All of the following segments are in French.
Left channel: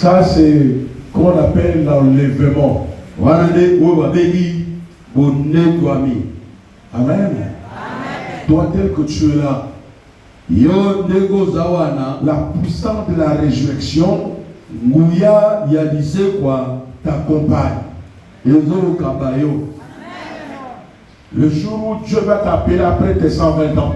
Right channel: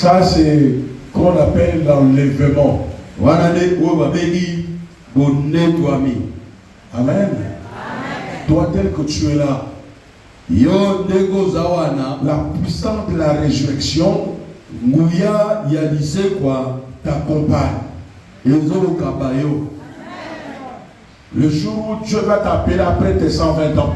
Ça, c'est qu'on appelle l'enlèvement. Amen. Toi, tel que tu es là, la puissance de la résurrection t'accompagne. Le jour où Dieu va t'appeler après tes 120 ans,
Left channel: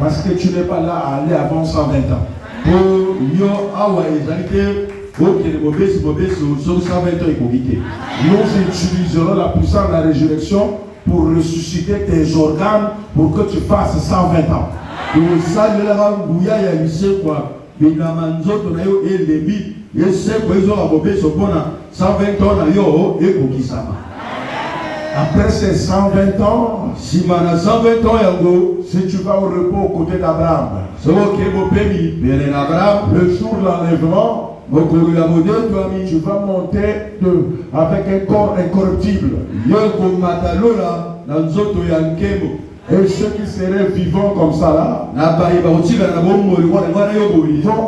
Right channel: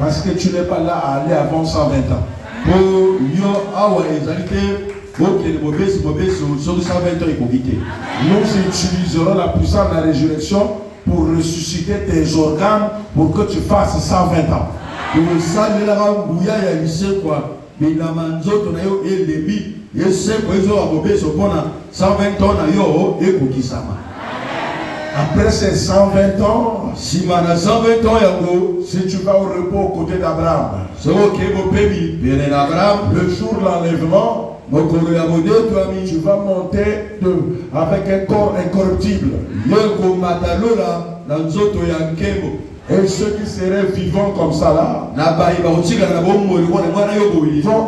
parce que tu n'es pas là à aller avant 120 ans. Nous utiliserons la puissance de la résurrection pour ressusciter tes organes pour que tu fasses 120 ans. Après ces 120 ans, si tu vas au repos aux côtés d'Abraham, le jour de l'enlèvement, tu vas monter avec un corps incorruptible. Et ceux qui seraient vivants comme ça là, vont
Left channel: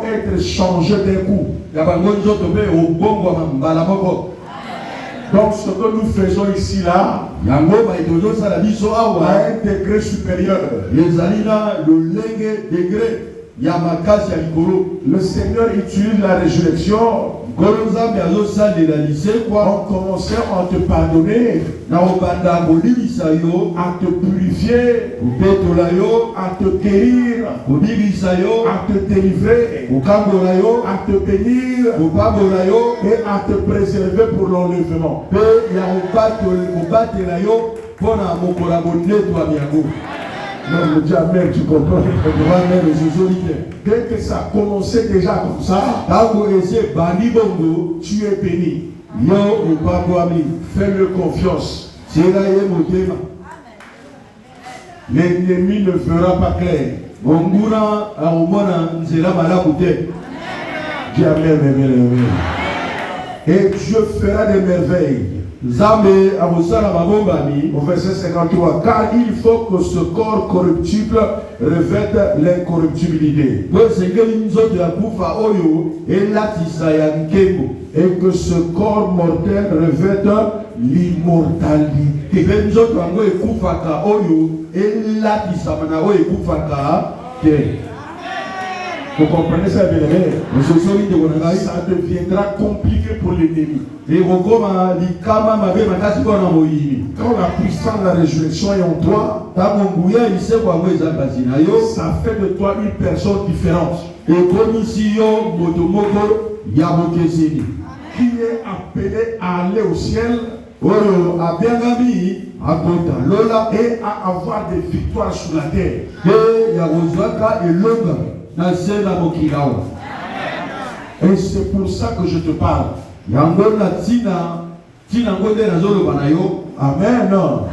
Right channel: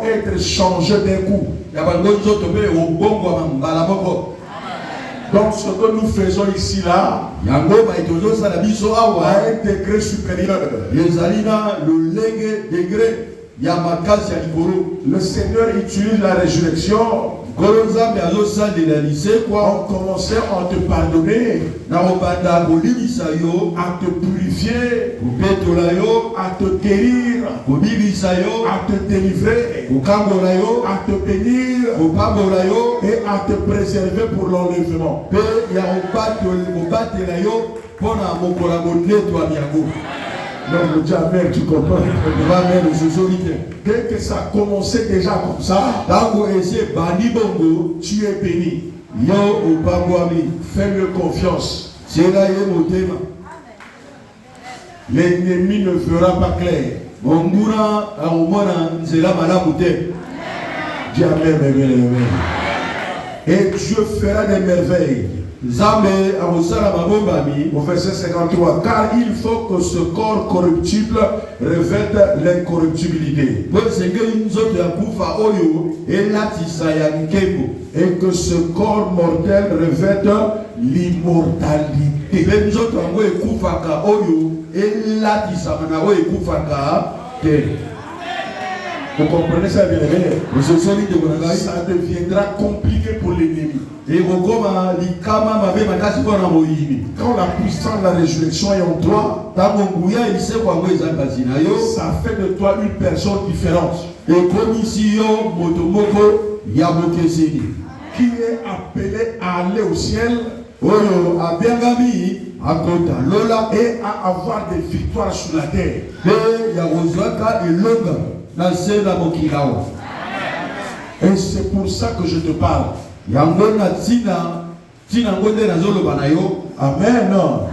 être changés d'un coup. Donc ce que nous faisons ici là, à un degré supérieur, le Seigneur utilise la résurrection en commençant à te pardonner, à te purifier, à te guérir, à te délivrer, à te bénir et à te préserver pour l'enlèvement. Même le diable, tu comprends. Dès que ça a commencé déjà comme ça, tu es béni. Fais-le confiance. L'ennemi ne fera pas clair. Dis amen, amen, amen. Et Dieu fera des merveilles. Au verset 53, car il faut que ce corps corruptible revête l'incorruptibilité. Et que ce corps mortel revête l'immortalité. Vous comprenez ça, bien aimé? Ça deviendra compliqué pour l'ennemi. Quand la puissance de la résurrection est en toi, ça fait de toi une personne différente. Qui est appelé à aller au ciel et à avoir des victoires sur la terre. Et c'est pour ça que je te parle. Amen. Non.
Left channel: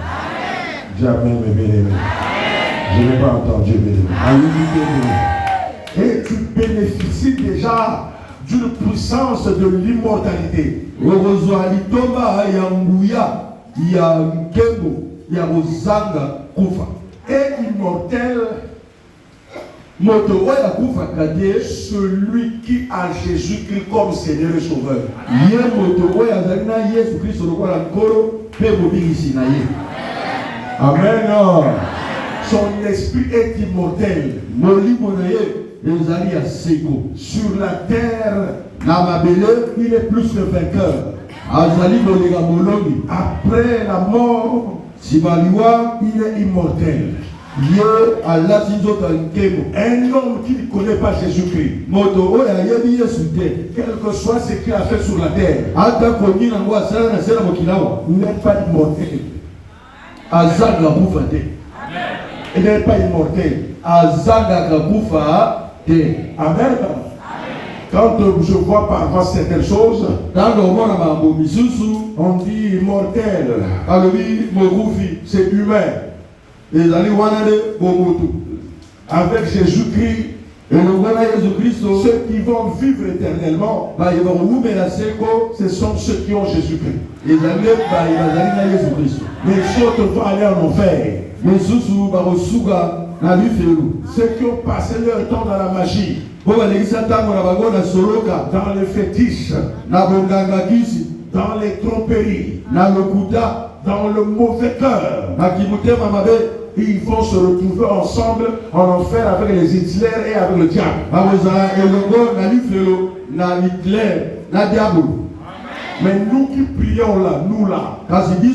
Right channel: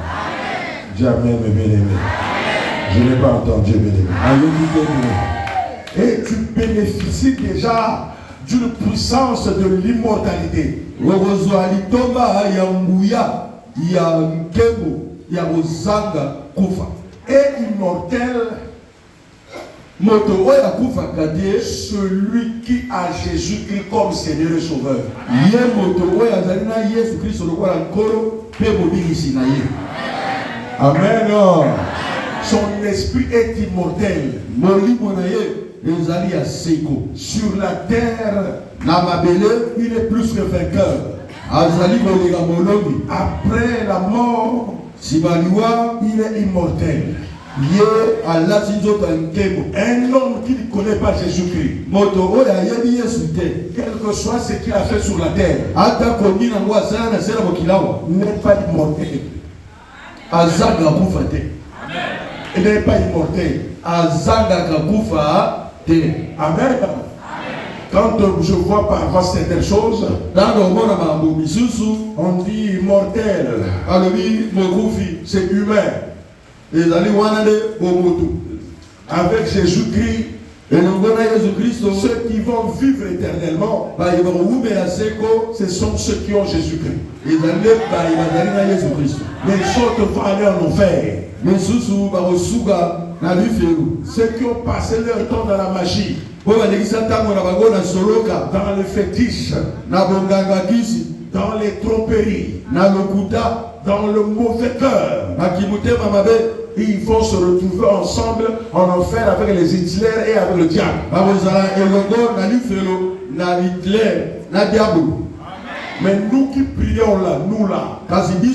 Dis amen, bien-aimé. Je n'ai pas entendu, bien-aimé. Et tu bénéficies déjà d'une puissance de l'immortalité. Et immortel, celui qui a Jésus-Christ comme Seigneur et Sauveur. Amen. Son esprit est immortel. Sur la terre, il est plus le vainqueur. Après la mort, il est immortel. Un homme qui ne connaît pas Jésus-Christ, quel que soit ce qu'il a fait sur la terre, n'est pas immortel. Il n'est pas immortel. Amen. Quand je vois parfois certaines choses, on dit immortel. C'est humain. Avec Jésus-Christ, ceux qui vont vivre éternellement, ce sont ceux qui ont Jésus-Christ. Les autres vont aller en enfer. Ceux qui ont passé leur temps dans la magie, dans les fétiches, dans les tromperies, dans le mauvais cœur, ils vont se retrouver ensemble en enfer avec les Hitler et avec le diable. Mais nous qui prions là, nous là, qui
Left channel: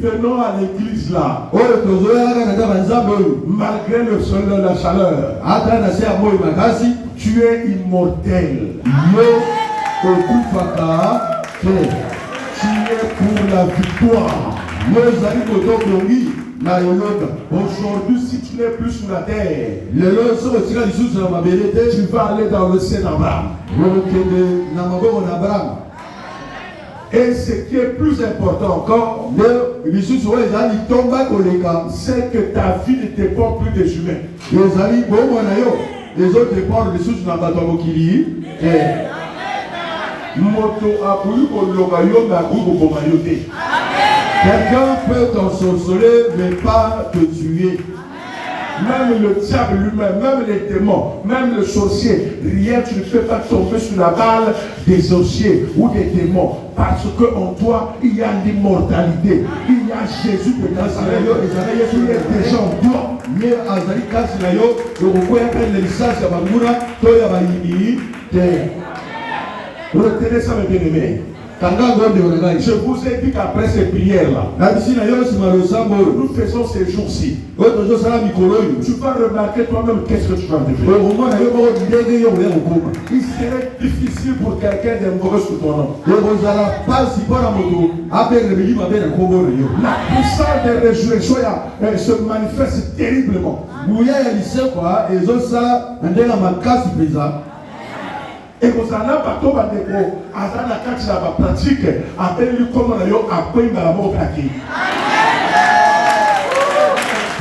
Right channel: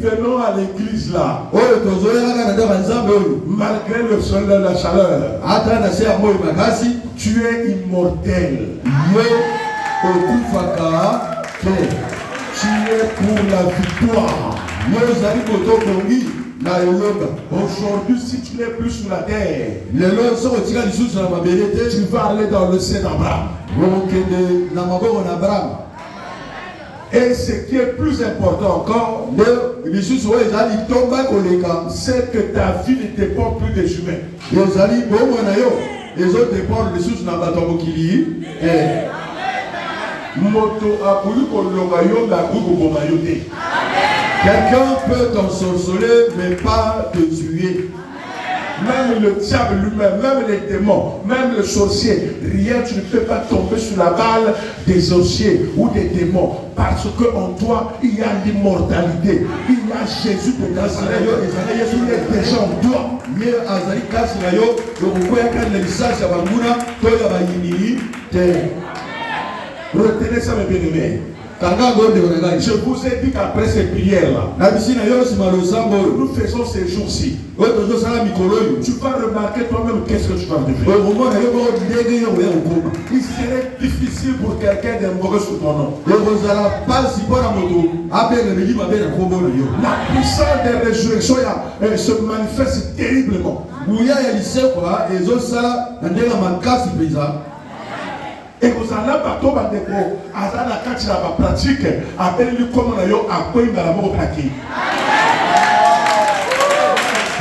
venons à l'église là, malgré le soleil, la chaleur, tu es immortel. Tu es pour la victoire. Aujourd'hui, si tu n'es plus sur la terre, tu vas aller dans le sein d'Abraham. Et ce qui est plus important encore, c'est que ta vie ne dépend plus des humains. Quelqu'un peut t'ensorceler, mais pas te tuer. Même le diable lui-même, même les démons, même le sorcier, rien, tu ne peux pas tomber sur la balle des sorciers ou des démons. Parce qu'en toi, il y a l'immortalité. Il y a Jésus de Nazareth. Il est déjà en toi. Retenez ça, mes bien-aimés. Je vous ai dit qu'après ces prières-là, nous faisons ces jours-ci. Tu vas remarquer toi-même qu'est-ce que tu vas devenir. Il serait difficile pour quelqu'un d'être mauvais sous ton nom. La puissance des résurrections se manifeste terriblement. Et vous allez bateau bandeko azana kati la pratique appelez-lui comme on a yo appelé dans la mort kaki.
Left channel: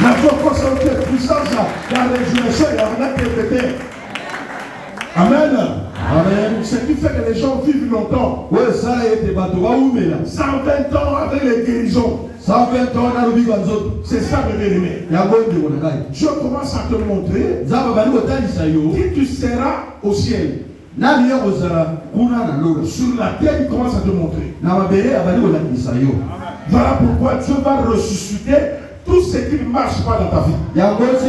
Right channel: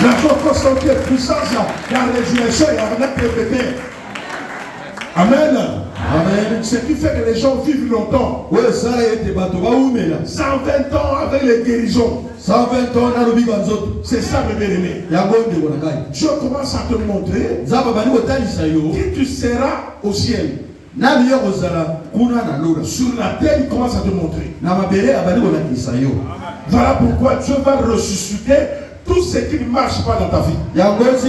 La force de puissance la résurrection et la répéter. Amen. Amen. Ce qui fait que les gens vivent longtemps. 120 ans avec les guérisons. 120 ans c'est ça le bien-aimé. Je commence à te montrer qui tu seras au ciel. Sur la terre, il commence à te montrer. Voilà pourquoi Dieu va ressusciter tout ce qui ne marche pas dans ta vie. Après ça,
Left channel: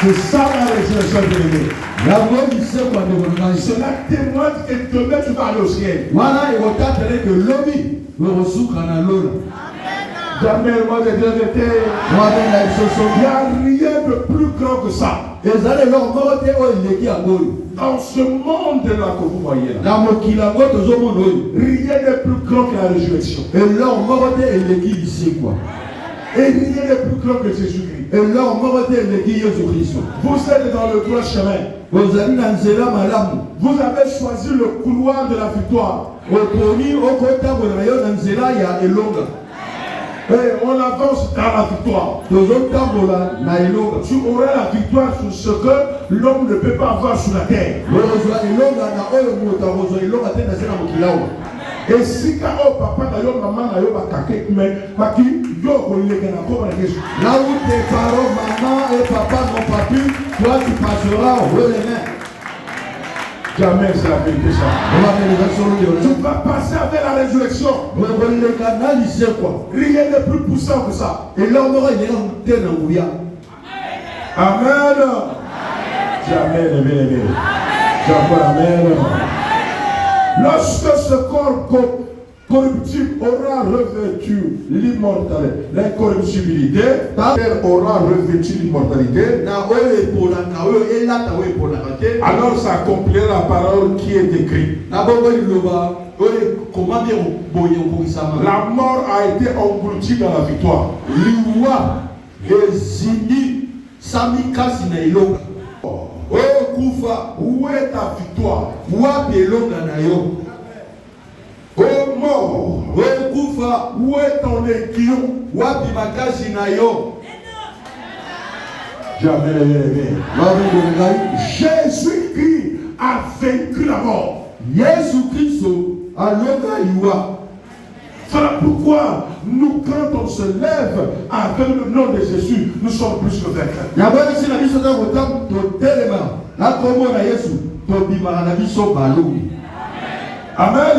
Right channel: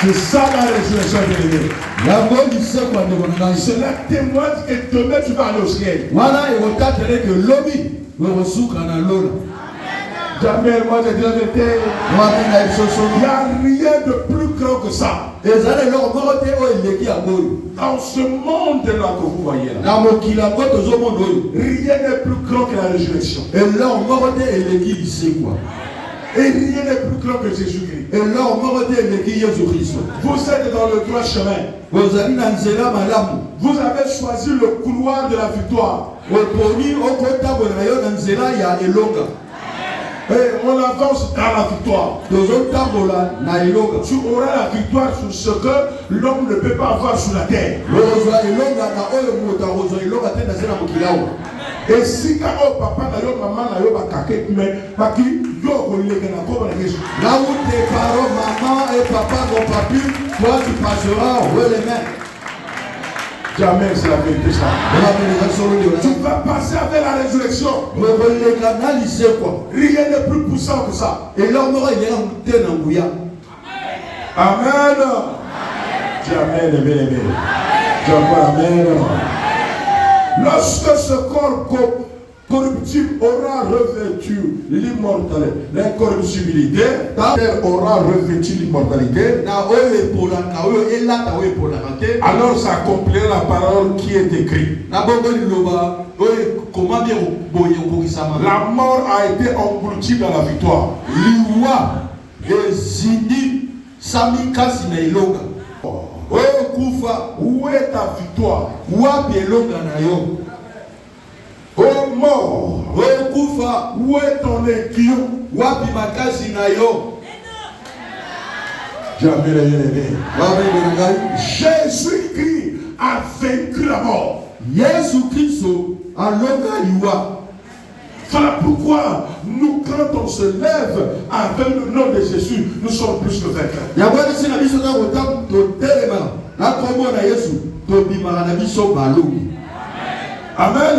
c'est ça la résurrection de l'Église. Cela témoigne que demain tu vas aller au ciel. Jamais moi j'ai déjà été. Il n'y a rien de plus grand que ça. Dans ce monde là que vous voyez là, rien n'est plus grand que la résurrection. Et rien n'est plus grand que Jésus-Christ. Vous êtes dans le droit chemin. Vous avez choisi le couloir de la victoire. Et on avance dans la victoire. Tu auras la victoire sur ce que l'homme ne peut pas avoir sur la terre. Et si quand papa n'a yo maman n'a yo bakake mais baki yo koleka na ko ba Jésus. Là où tes parents, maman et papa n'ont pas pu, toi tu passeras haut les mains. Jamais c'est la vérité ça. Tu vas passer avec la résurrection. Rien n'est plus puissant que ça. Et l'homme aura une Amen. Jamais ne bien-aimé. Jamais amen. Lorsque ce corps corruptible aura revêtu l'immortalité, l'incorruptibilité, aura revêtu l'immortalité, alors s'accomplira la parole qui est écrite. La mort a été engloutie dans la victoire. Où est ta victoire? Oh mort, où est ton aiguillon? Jamais bien-aimé. Jésus-Christ a vaincu la mort. Jésus-Christ a levé l'Iwa. Voilà pourquoi nous, quand on se lève avec le nom de Jésus, nous sommes plus que vainqueurs. Amen.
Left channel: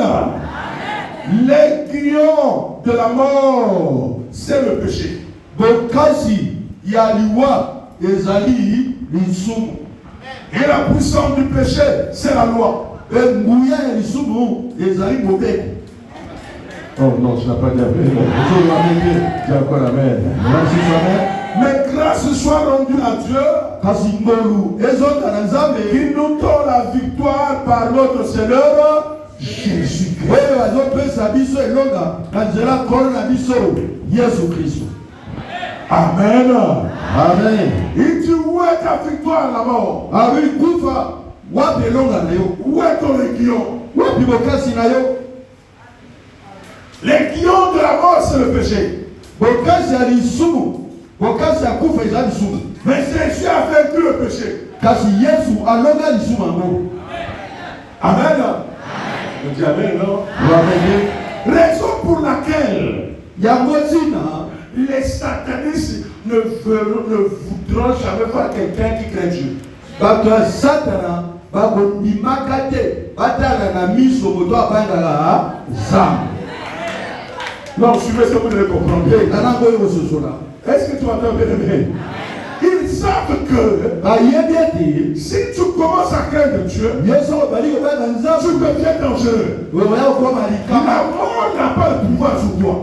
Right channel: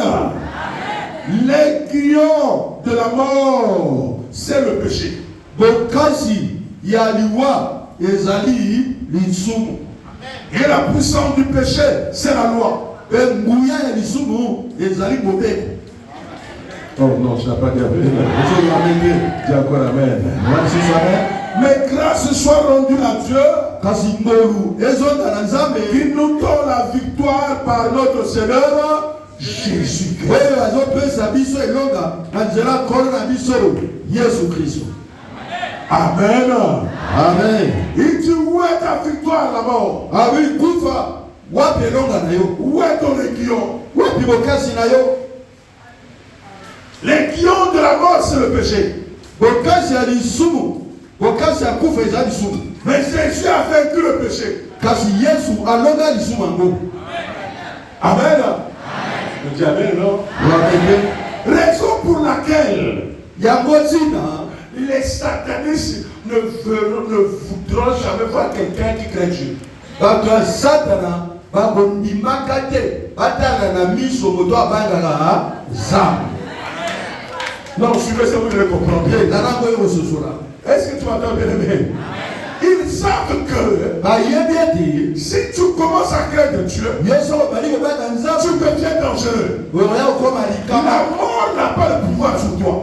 L'aiguillon de la mort, c'est le péché. Et la puissance du péché, c'est la loi. Oh non, je n'ai pas dit amen. Tu as pas amen. Mais grâce soit rendue à Dieu qui nous donne la victoire par notre Seigneur Jésus-Christ. Amen. Amen. Il dit où est ta victoire là-bas? Où est ton aiguillon? L'aiguillon de la mort, c'est le péché. Mais Jésus a vaincu le péché. Amen. On dit amen, non? Raison pour laquelle les satanistes ne voudront jamais voir quelqu'un qui craint Dieu. Non, suivez ça, vous le comprenez. Est-ce que tu m'entends bien aimé? Ils savent que si tu commences à craindre Dieu, tu deviens dangereux. La mort n'a pas le pouvoir sur toi.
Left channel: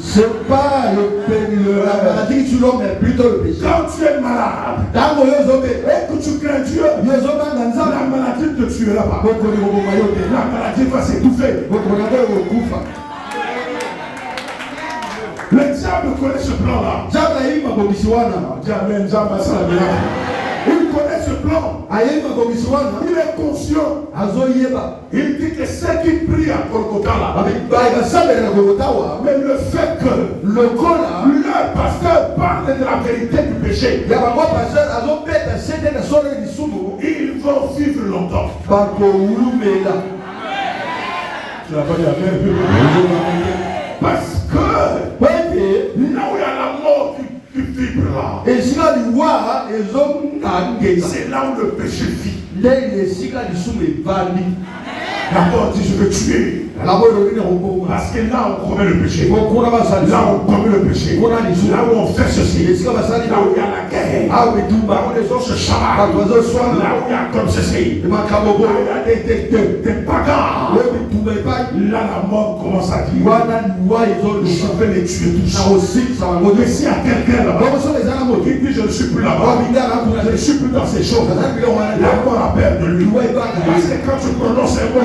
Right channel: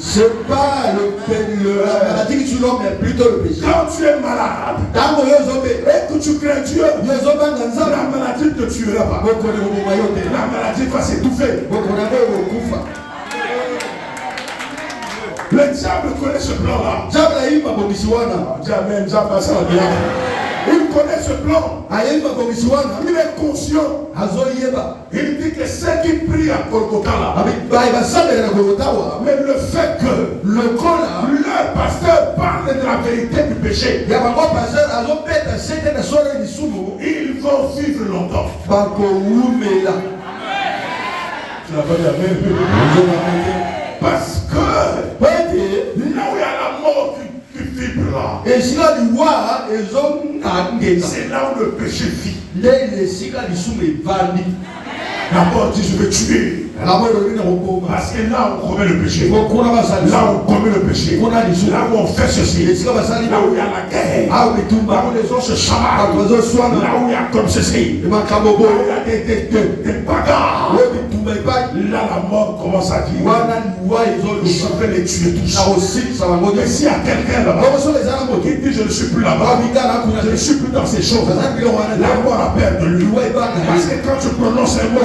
C'est pas la maladie que tu l'as, mais plutôt le péché. Quand tu es malade, et que tu crains Dieu, la maladie ne te tuera pas. La maladie va s'étouffer. Le diable connaît ce plan-là. Amen, il connaît ce plan. Il est conscient. Il dit que ceux qui prient à Golgotha là, mais le fait que leur pasteur parle de la vérité du péché, ils vont vivre longtemps. Tu n'as pas dit amen. Parce que là où il y a la mort qui vibre là, c'est là où le péché vit. D'abord, dit je vais tuer. Parce que là on commet le péché. Là on commet le péché. Là où on fait ceci. Là où il y a la guerre. Là où les gens se chargent. Là où il y a comme ceci. Là où il y a des bagarres. Là la mort commence à dire. Je vais les tuer tous. Mais s'il y a quelqu'un là-bas qui dit je ne suis plus là-bas, je ne suis plus dans ces choses, la mort a peur de lui. Parce que quand tu prononces un mot,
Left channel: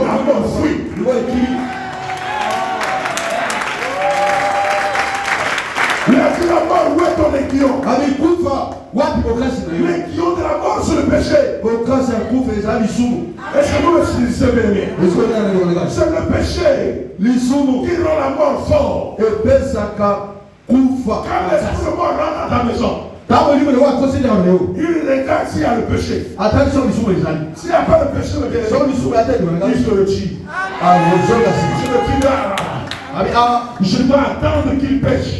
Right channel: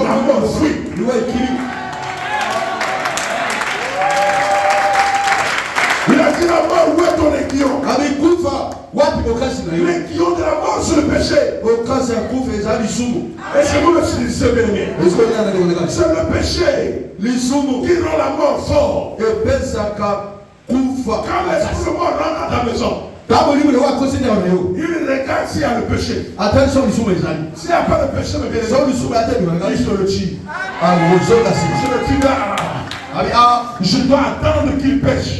la mort fuit. Il a dit la mort, où est ton aiguillon? L'aiguillon de la mort, c'est le péché. Et c'est nous le bien. C'est le péché qui rend la mort fort. Quand l'esprit mort rentre dans ta maison, il regarde s'il y a le péché. S'il n'y a pas de péché, il se le tue. Je dois attendre qu'il pêche.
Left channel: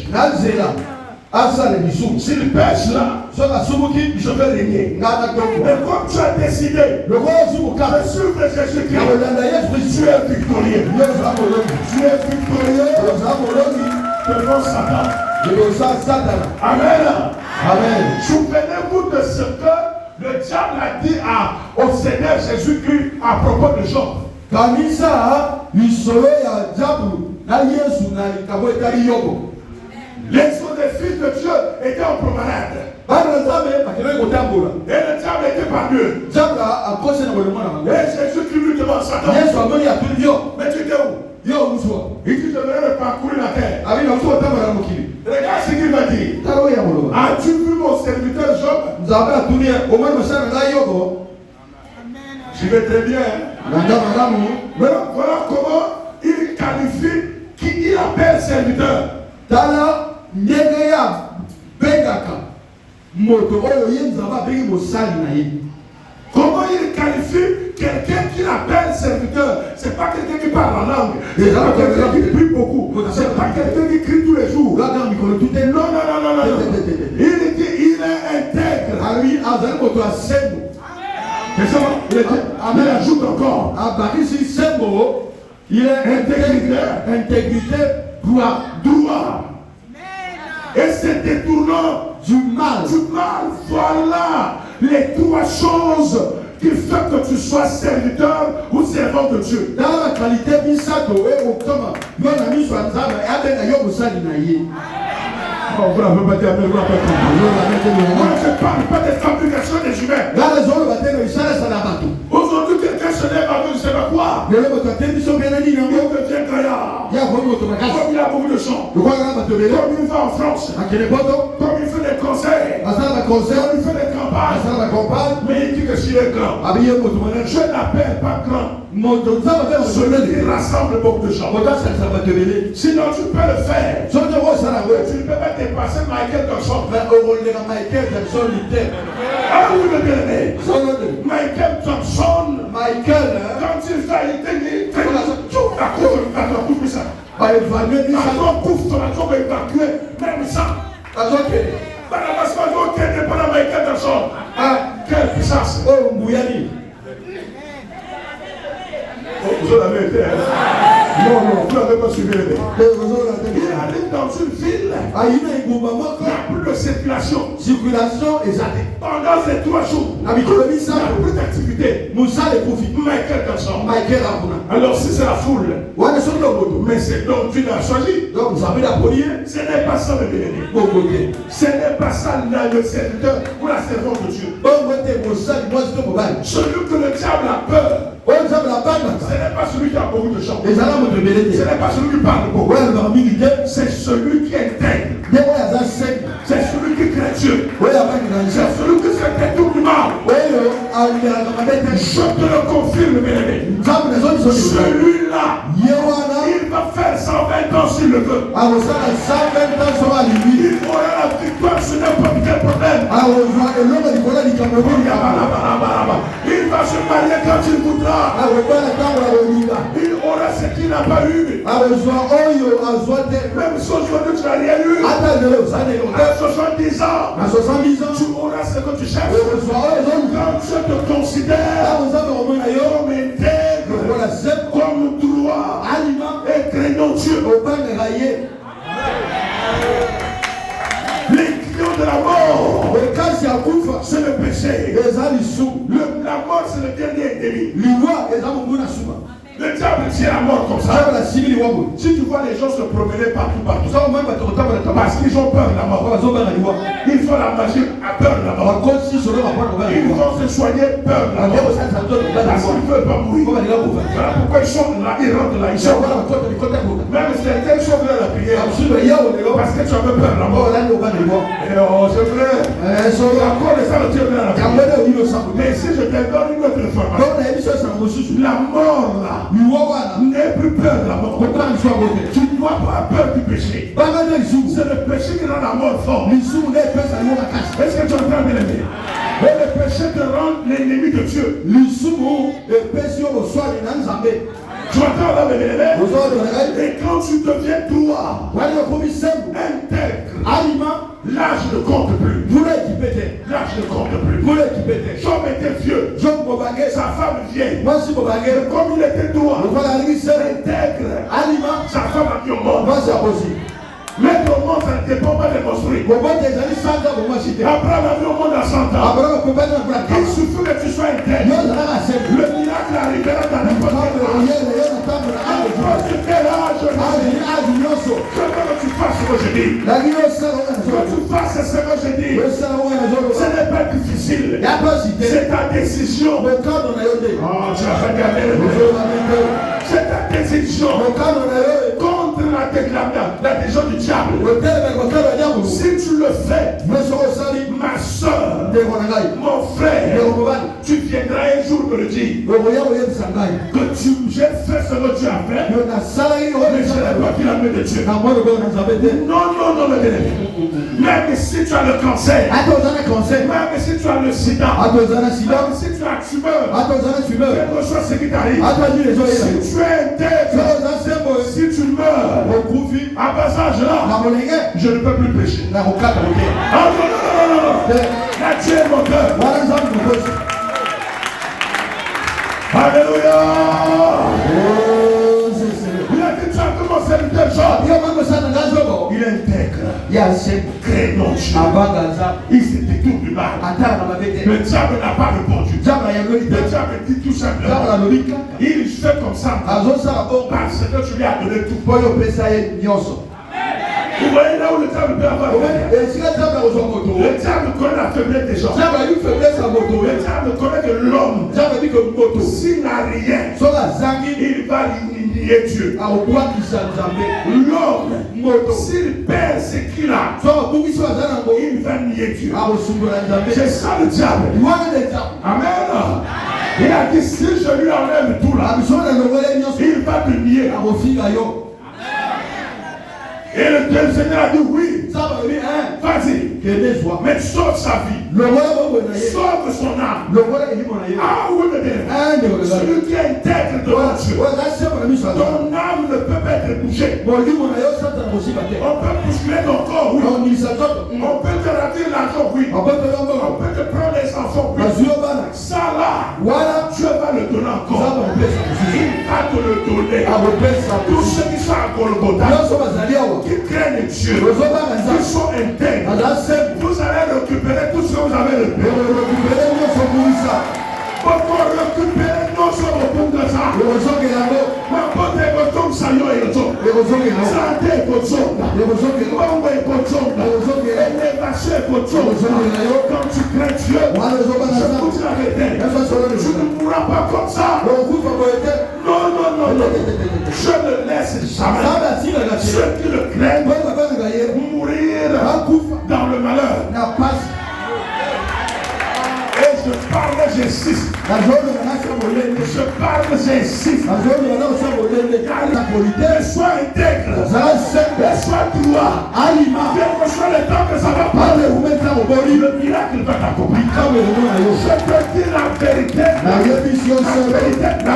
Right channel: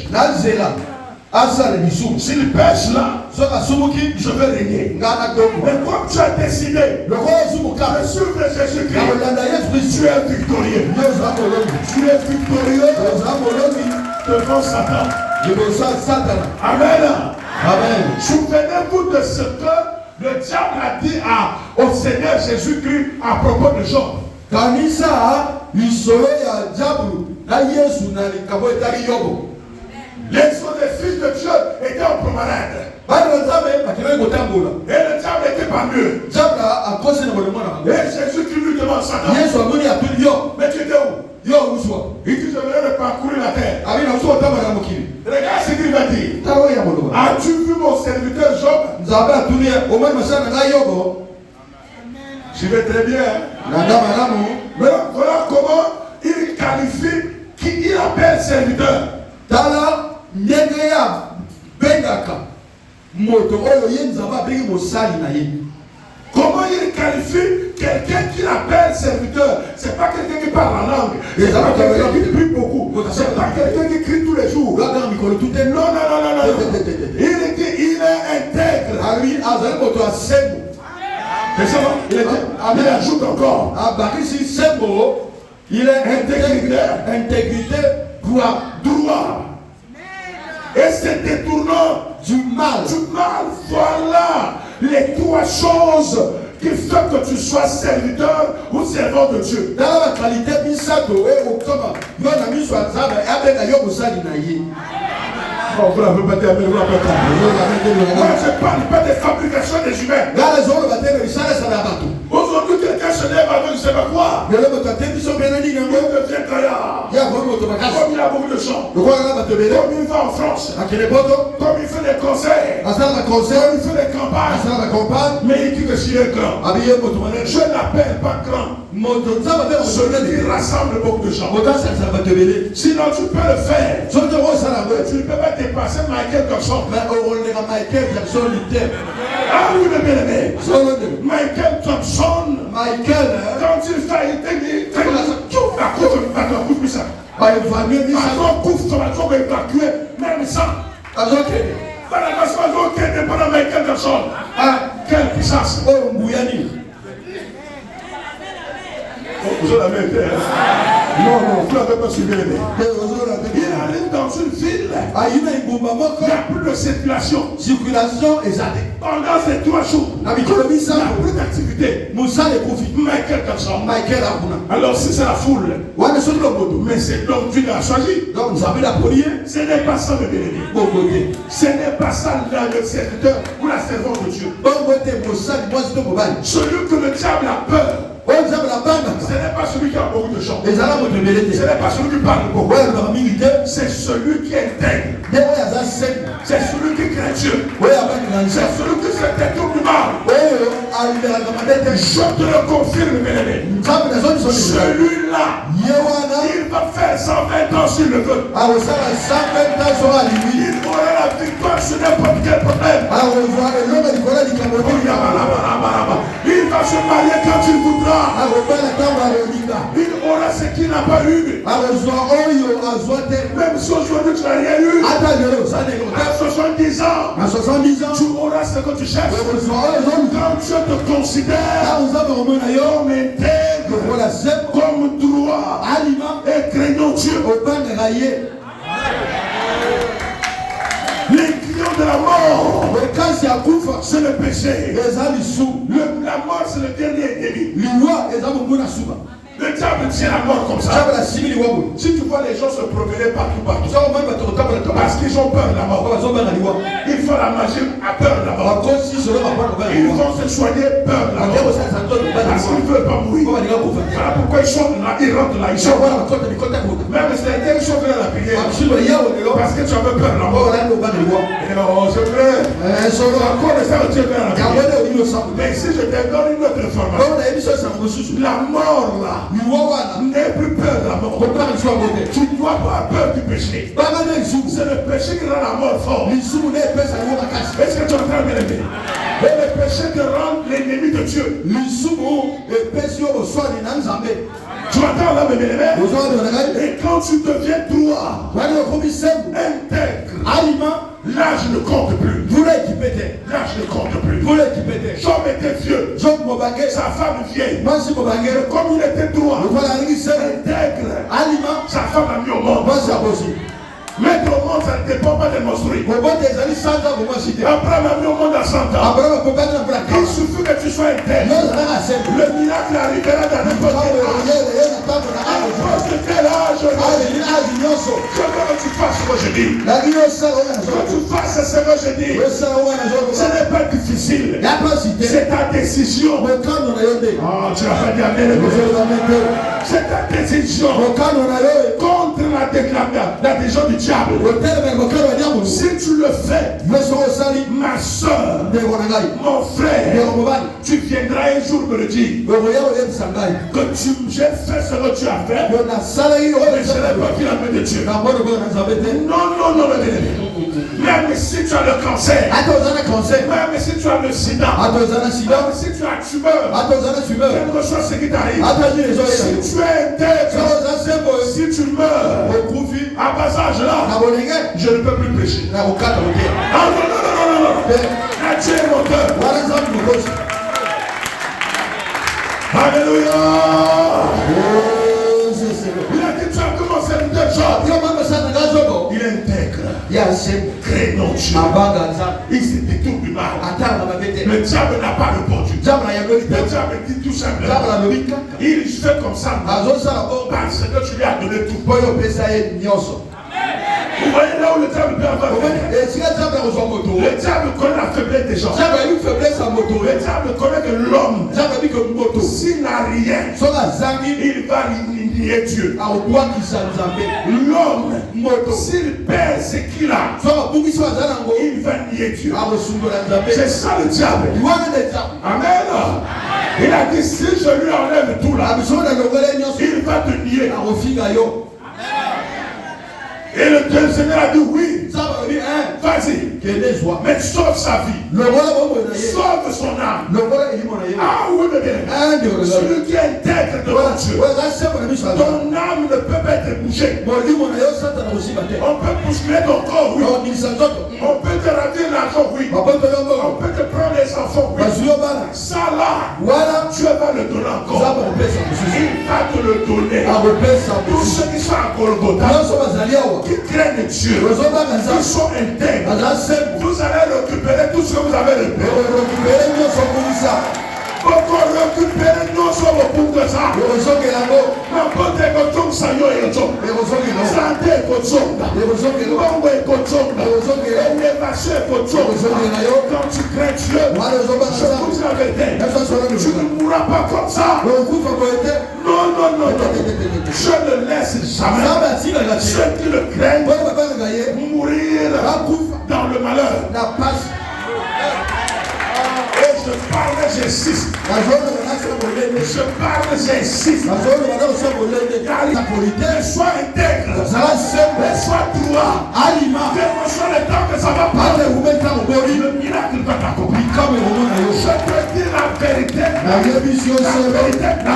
S'il pêche là, je vais régner. Mais comme tu as décidé de suivre Jésus-Christ, tu es victorieux. Tu es victorieux devant Satan. Amen. Souvenez-vous de ce que le diable a dit au Seigneur Jésus-Christ à propos de Job. Les autres fils de Dieu étaient en promenade. Et le diable était parmi eux. Et Jésus qui lui demande Satan, mais tu étais où? Il dit je vais parcourir la terre. Regarde ce qu'il m'a dit. As-tu vu mon serviteur Job? Je vais très bien. Mais voilà comment il qualifie, qui il appelle serviteur. Tala Negeya Bengaka Moto Oyo Yenzaba Beng Mosali na ye. Comment il qualifie quelqu'un qui l'appelle serviteur? C'est pas quelqu'un qui parle en langue. C'est pas quelqu'un qui prie beaucoup. C'est pas quelqu'un qui crie tous les jours. Non, non, non. Il est intègre. À lui, Azal Moto a Sembo. C'est ça? Il ajoute encore. À Bakisi Sembo, il est intégrité pour la droit. Et c'est détournant du mal. Voilà les trois choses qui font que tu sois serviteur ou servant de Dieu. Dans la qualité, Bisato et au comment, nous avons mis sur la table et avec la yoga salinaïe. Moi, je ne parle pas des fabrications des humains. Aujourd'hui, quelqu'un se lève avec je ne sais pas quoi. Il devient gaillard. Comme il y a beaucoup de gens. Comme il va en France. Comme il fait des concerts. Comme il fait des campagnes. Mais il dit que c'est un grand. Je n'appelle pas grand. Celui qui rassemble beaucoup de gens. Sinon tu peux le faire. Tu ne peux pas dépasser Michael Jackson. Ah oui, mais bien aimé. Michael Jackson. Quand il fait, il fait à cause de ton coup, ça. Quand couvre ton action va évacuer, même ça. Barnabas va dire, ok, dépendant Michael Jackson. Quelle puissance. Vous en avez été. Non, tu n'avais pas suivi les. Il arrive dans une ville. Il n'y a plus de circulation. Pendant ces 3 jours, il n'y a plus d'activité. Michael Jackson. Alors si c'est la foule, mais c'est l'homme qui l'a choisi. Ce n'est pas ça le bénéfice. Ce n'est pas ça le serviteur ou la servante de Dieu. Celui que le diable a peur. Ce n'est pas celui qui a beaucoup de gens. Ce n'est pas celui qui parle beaucoup. C'est celui qui est intègre. C'est celui qui craint Dieu. C'est celui qui se détourne du mal. Je te le confirme, bien-aimé. Celui-là, il va faire 120 ans s'il le veut. Il aura la victoire sur n'importe quel problème. Il va se marier quand il voudra. Il aura ce qu'il n'a pas eu. Même si aujourd'hui tu n'as rien eu. À 70 ans, tu auras ce que tu cherches. Quand tu te considères comme intègre, comme droit et craignant Dieu. Les clients de la mort, c'est le péché. La mort, c'est le dernier ennemi. Le diable, c'est la mort comme ça. Si tu vois les gens se promener partout, parce qu'ils ont peur de la mort. Ils font la magie à peur de la mort. Ils vont se soigner peur de la mort. Parce qu'ils ne veulent pas mourir. Voilà pourquoi ils sont là, ils rentrent là, ils sont là. Même si ils sont là la prière. Parce que tu avais peur de la mort. Et oh, c'est vrai. Encore les gens, tu es là la prière. Mais si je te donne une autre information, la mort là, n'aie plus peur de la mort. Tu ne dois pas avoir peur du péché. C'est le péché qui rend la mort forte. Est-ce que tu entends bien l'aimer? Et le péché te rend l'ennemi de Dieu. Tu entends là, bien aimé? Et quand tu deviens droit, intègre, l'âge ne compte plus. L'âge ne compte plus. Job était vieux. Sa femme vieille. Comme il était droit, intègre, sa femme a mis au monde. Mettre au monde, ça ne dépend pas des construits. Abraham a mis au monde à 100 ans. Il suffit que tu sois intègre. Le miracle arrivera dans n'importe quel âge. Je veux que tu fasses ce que je dis. Que tu fasses ce que je dis. Ce n'est pas difficile. C'est ta décision. Oh, tu as regardé le. C'est ta décision contre la la décision du diable. Si tu le fais, ma soeur, mon frère, tu viendras un jour me le dire que j'ai fait ce que tu as fait, mais je n'ai pas vu la main de Dieu. Non, même si tu as le cancer, même si tu as le sida, même si tu as tumeur, quelque chose ce qui t'arrive, si tu es intègre, si tu meurs à bas âge là, je ne peux plus pécher. Ah non. La Dieu est mon cœur. Alléluia. Il a dit tu as commencé le job. Il est intègre. Craignant Dieu. Il se détourne du mal. Le diable n'a pas répondu. Le diable dit tout simplement. Il fait comme ça. Parce que tu lui as donné tout. Vous voyez là où le diable peut avoir le diable connaît la faiblesse des gens. Le diable connaît que l'homme, s'il n'a rien, il va nier Dieu. L'homme, s'il perd ce qu'il a, il va nier Dieu. C'est ça le diable. Amen. Il a dit si je lui enlève tout là, il va te nier. Et le Seigneur a dit oui, vas-y, mais sauve sa vie, sauve son âme. Ah oui, bébé, celui qui est intègre devant Dieu, ton âme ne peut pas être bougée. On peut bousculer ton corps, oui. On peut te rendre l'argent, oui. On peut te prendre les enfants, oui. Ça là, Dieu va le donner encore. Il va te le donner. Tous ceux qui sont à Golgotha, qui craignent Dieu, qui sont intègres, vous allez récupérer tout ce que vous avez récupéré. Pourquoi récupérer non sur le point de ça? N'importe quel comme ça, il y a un jour. Ça a été comme ça. Quand tu crains Dieu, je vous arrête. Tu ne mourras pas comme ça. Non. Je ne laisse jamais ceux qui le craignent mourir dans le malheur. Et je parle, j'insiste. Je parle, j'insiste. Sois intègre. Sois droit. Quel que soit le temps que ça va parler, le miracle va t'accomplir. Je peux dire la vérité. La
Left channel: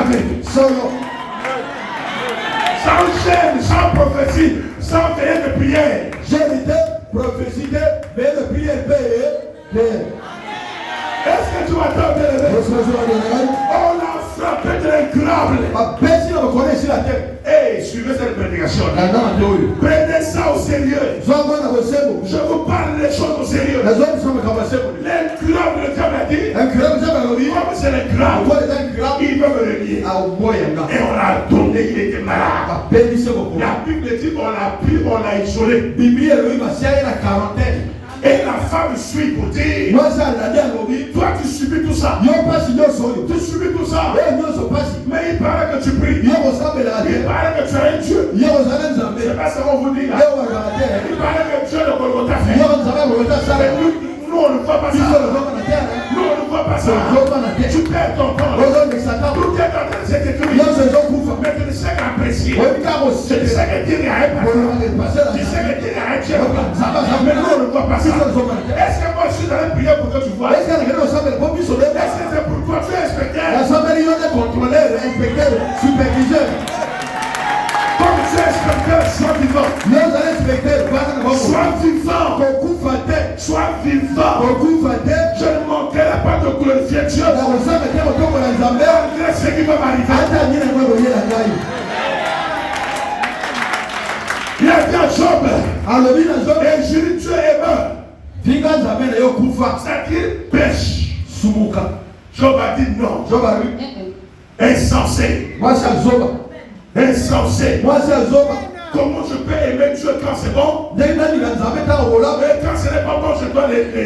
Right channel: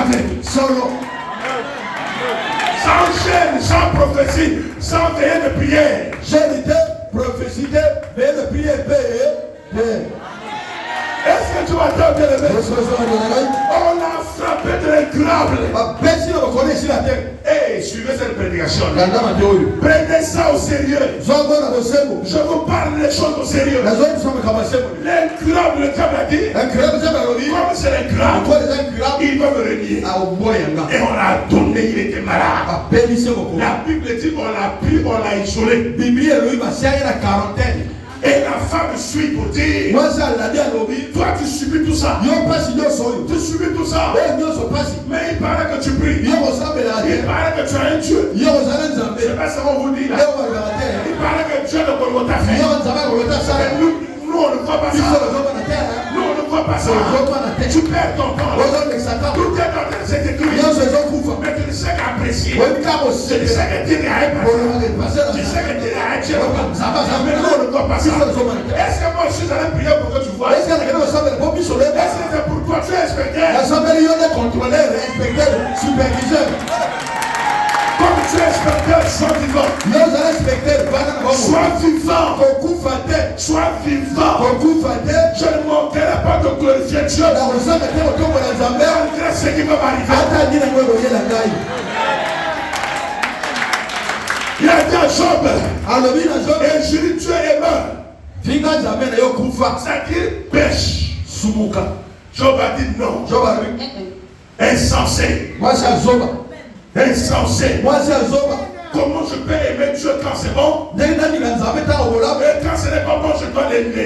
vérité. Sans chaîne, sans prophétie, sans veiller de prière. Est-ce que tu attends bien levé? On a frappé de l'incurable. Hey, suivez cette prédication. Prenez ça au sérieux. Je vous parle des choses au sérieux. L'incurable, le Diable a dit, comme c'est l'incurable, il va me le nier. Et on l'a donné, il était malade. La Bible dit qu'on l'a pris, on l'a isolé. Et la femme suit pour dire, toi tu subis tout ça. Tu subis tout ça. Mais il paraît que tu pries. Il paraît que tu as un Dieu. C'est pas ça qu'on vous dit là. Il paraît que Dieu ne t'a fait. Mais nous on ne voit pas ça. Nous on ne voit pas ça. Tu perds ton temps. Tout est dans cette église. Mais tu ne sais qu'apprécier. Tu ne sais que dire à un pasteur. Tu sais que dire à un Dieu. Mais nous on ne voit pas ça. Est-ce que moi je suis allé prier pour que tu vois? Est-ce que c'est pour toi tu es inspecteur? Comme tu es inspecteur, sois vivant. Sois vivant. Je ne manquerai pas de glorifier Dieu. Malgré ce qui va m'arriver. Il a dit à Job, et je dis Dieu est mort. C'est-à-dire pêche. Job a dit non. Insensé. Insensé. Comment je peux aimer Dieu quand c'est bon? Et quand ce n'est pas bon, je dois l'aimer.